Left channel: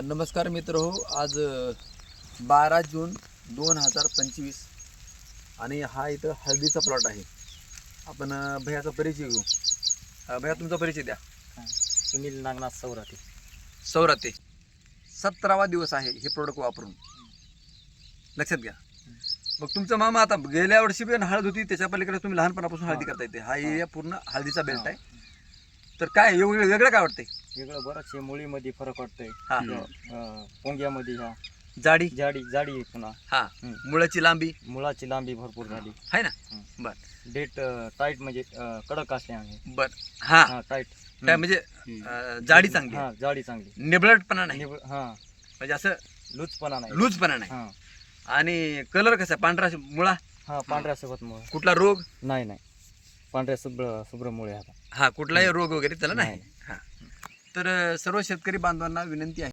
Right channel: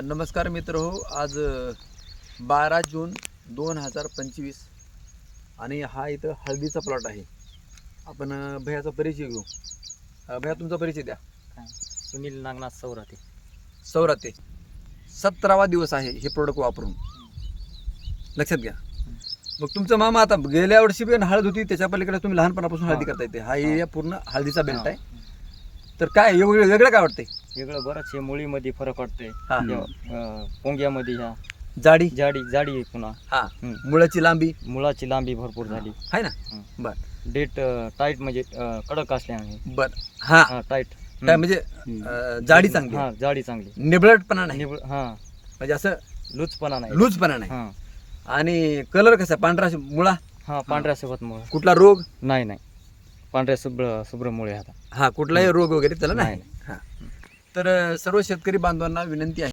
नमस्कार मित्र हो आज बारा जून दोन हजार पंचवीस आणि हा इथं हळदीचा प्लॉट आहे. आपण भैयाचा परिचय घेऊ. भैया तुमचा परिचय द्या. सुनील नागनाथ सौराते सौराते सतरावा दिवस आहे हे प्रोडक्ट वापरून. लक्षात घ्या. मग तुमचा मामा आता गेल्या वर्षी पण हळद होती त्याच्या पलीकडे तुम्ही लहानपणापासून हळदी. करता येते हा एरिया पूर्ण हळदीचा बेल्ट आहे. तर काय वेगळं वेगळं काय वाटतंय? वेगळं बरंच हे मुळीमध्ये फरक वाटतंय. हा. अं, पोंग्यामध्ये ह्या. जाडी? जाडी जाडी आहे पुन्हा. हा. हम्म. मुळाची लांबी? मुळाची लांबी भरपूर झाली. आहे ना? हम्म. बर. डेट टाईट म्हणजे अं, कडक असल्याने बर. हा. हा टाईट. काय म्हणजे अ, जाडी चांगली? आहे. हा जाडी चांगली. निबळटपणा नाही? हा. म्हणजे असं लूजपणा नाही. लूजपणा नाही? हा. आणि कलर कसा आहे? पांढरा मुळा? हा पांढऱ्या सोबत मुळे. कुठला रोग? नाही नाही. पांढऱ्या शुभ्र शुभ्र मुळे आता हा कुठलाही रोग वगैरे त्याला नाही नाही. हा. तर अ, सर्व शेतकरी बांधवांना विनंती आहे